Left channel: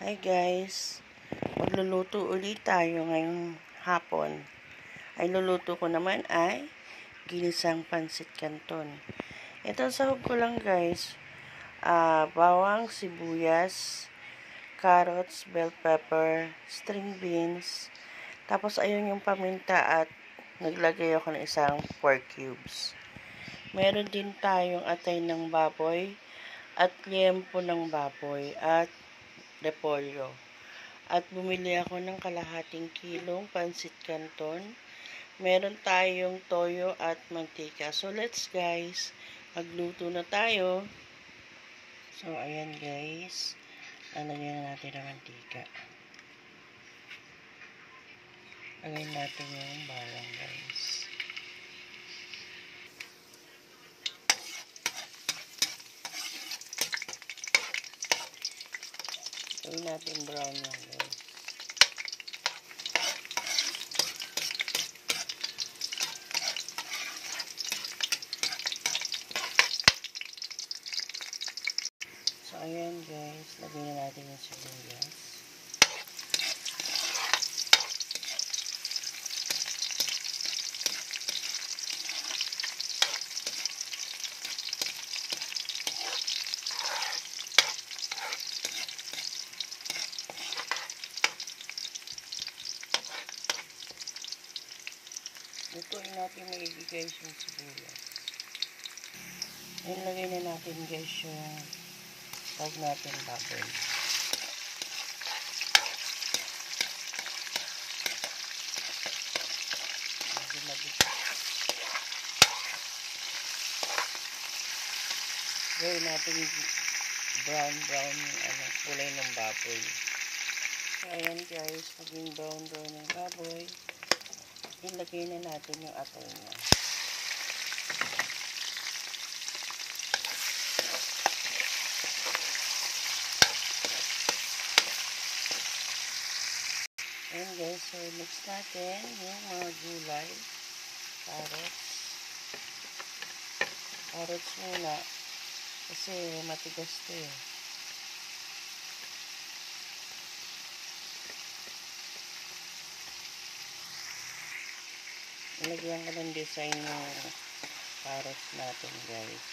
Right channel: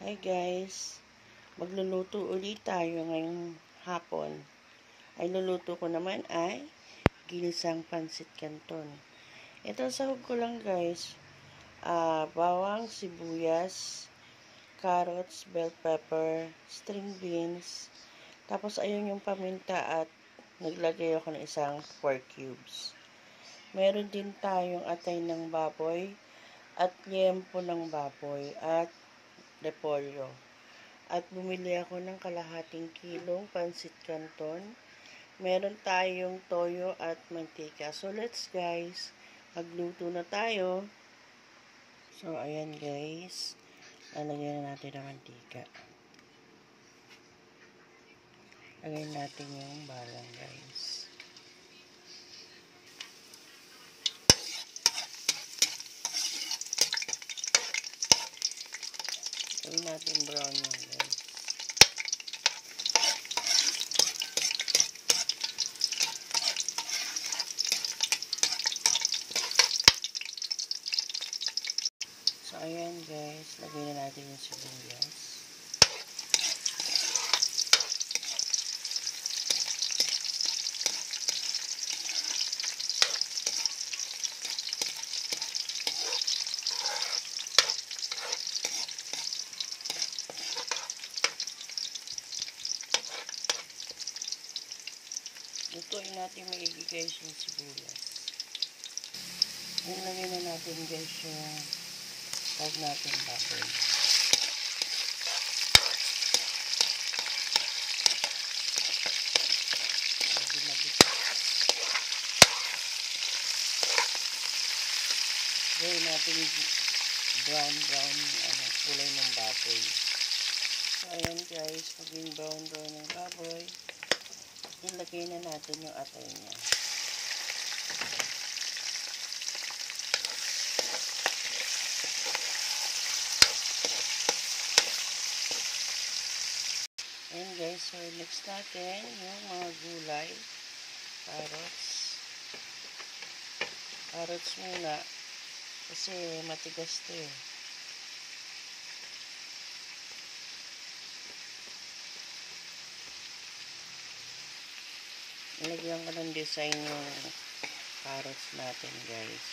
Hi guys, magluluto ulit tayo ngayong hapon. Ay luluto ko naman ay ginisang pansit canton. Ito sahog ko lang guys, bawang, sibuyas, carrots, bell pepper, string beans, tapos ayun yung paminta at naglagay ako ng isang pork cubes. Meron din tayong atay ng baboy at liempo ng baboy at repolyo. At bumili ako ng kalahating kilong pansit canton. Meron tayong toyo at mantika. So, let's guys, magluto na tayo. So, ayan guys. Lalagyan na natin ng mantika. Lagyan natin yung balang guys. Gawin natin brown yan guys. So, ayan guys. Lagyan na natin yung sibuyas. Lutuin natin maigi guys yung sibuyas. Ilagay na natin guys yung tawag natin baboy. Gawin natin brown yung kulay ng baboy. So ayan guys, naging brown ng baboy. Ilagay na natin yung atay niya. Ayan guys, so next natin yung mga gulay. Carrots muna. Kasi matigas to eh. Ilagyan ko ng design yung carrots natin guys.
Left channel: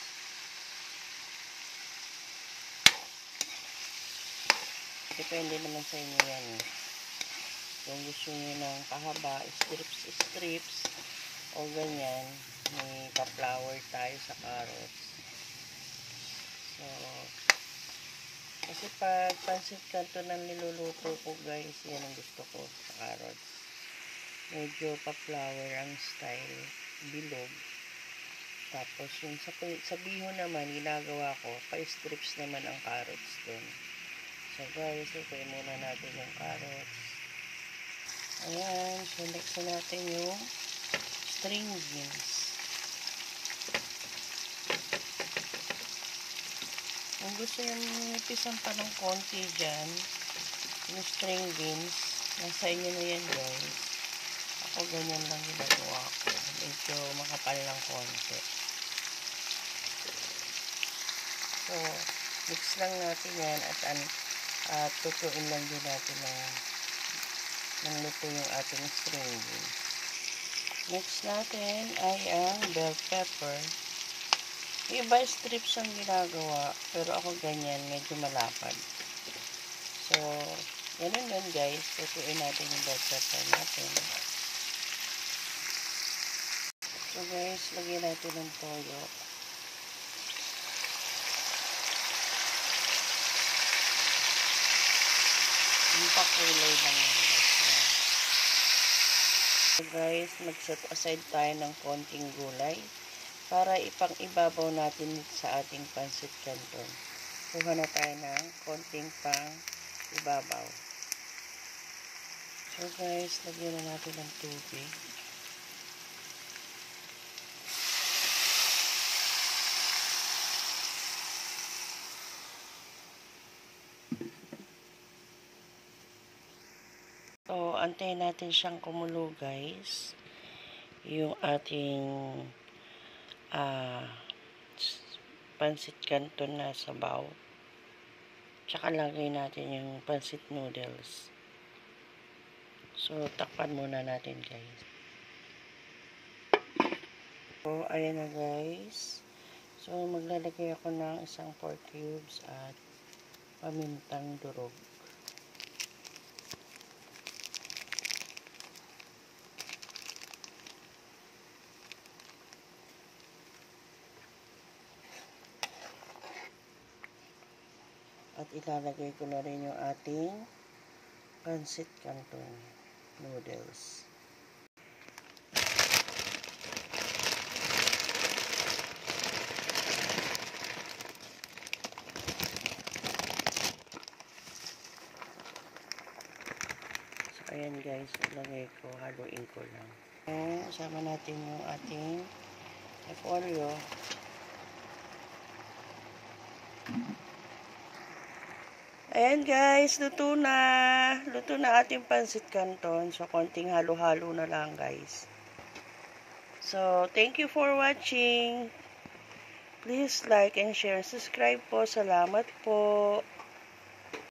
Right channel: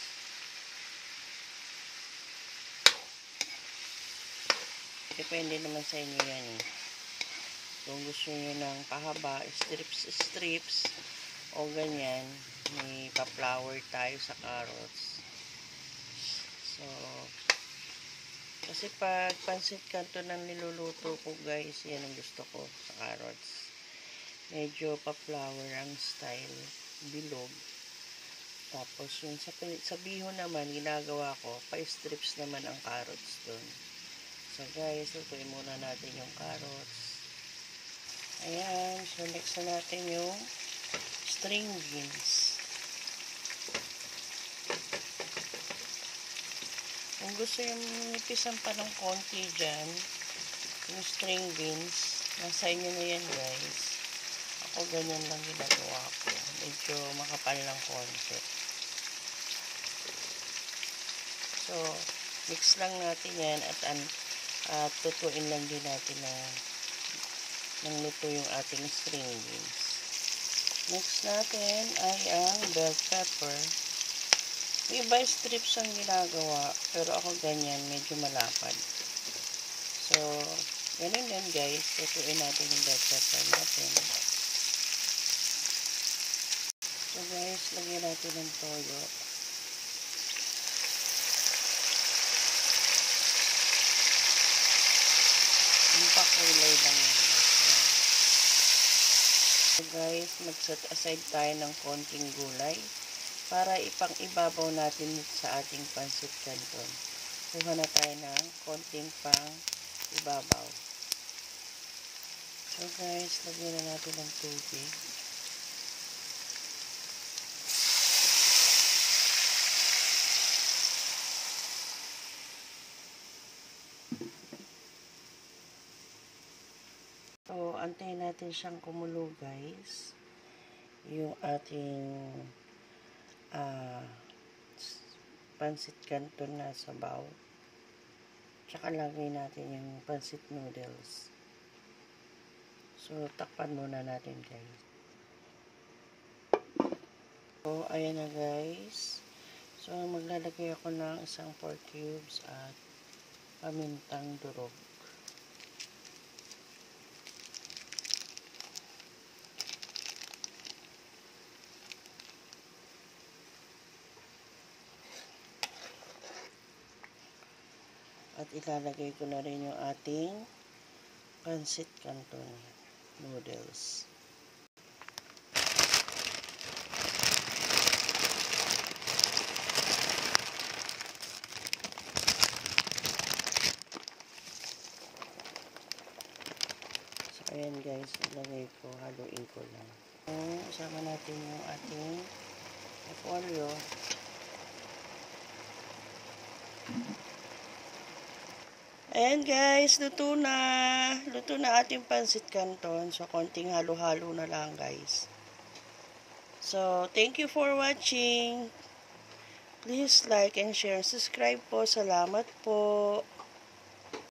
Depende naman sa inyo yan eh. Kung gusto nyo ng pahaba, strips, o ganyan, may pa-flower tayo sa carrots. So, kasi pag pansit canton ang niluluto ko guys, yan ang gusto ko sa carrots. Medyo pa-flower ang style, bilog. Tapos yung sa bihon naman, ginagawa ko, pa-strips naman ang carrots doon. So guys, lutuin muna natin yung carrots. Ayan, so next na natin yung string beans. Kung gusto yung nipisan pa ng konti dyan, yung string beans, nasa inyo na yan guys. Ako ganyan lang ginagawa ko. Medyo makapal ng konti. So, mix lang natin yan at tutuin lang din natin ng luto yung ating string beans. Next natin ay ang bell pepper. Yung iba strips ang ginagawa, pero ako ganyan, medyo malapad. So, ganun yun guys. Lutuin natin yung bell pepper natin. So guys, lagyan natin ng toyo. Yung pakulay lang yun. So guys, mag-set aside tayo ng konting gulay para ipang-ibabaw natin sa ating pansit canton. Kuha na tayo ng konting pang-ibabaw. So guys, lagyan na natin ng tubig. So, antayin natin siyang kumulo guys. Yung ating pansit canton na sabaw. Tsaka lagay natin yung pancit noodles. So, takpan muna natin guys. So, ayan na guys. So, maglalagay ako ng isang 4 cubes at pamintang durog. At ilalagay ko na rin yung ating pancit canton noodles. Ayan guys, ilagay ko, haluin ko lang. Isama natin yung ating repolyo. Ayan guys, luto na. Luto na ating pancit canton. So, konting halo-halo na lang guys. So, thank you for watching. Please like and share. Subscribe po. Salamat po.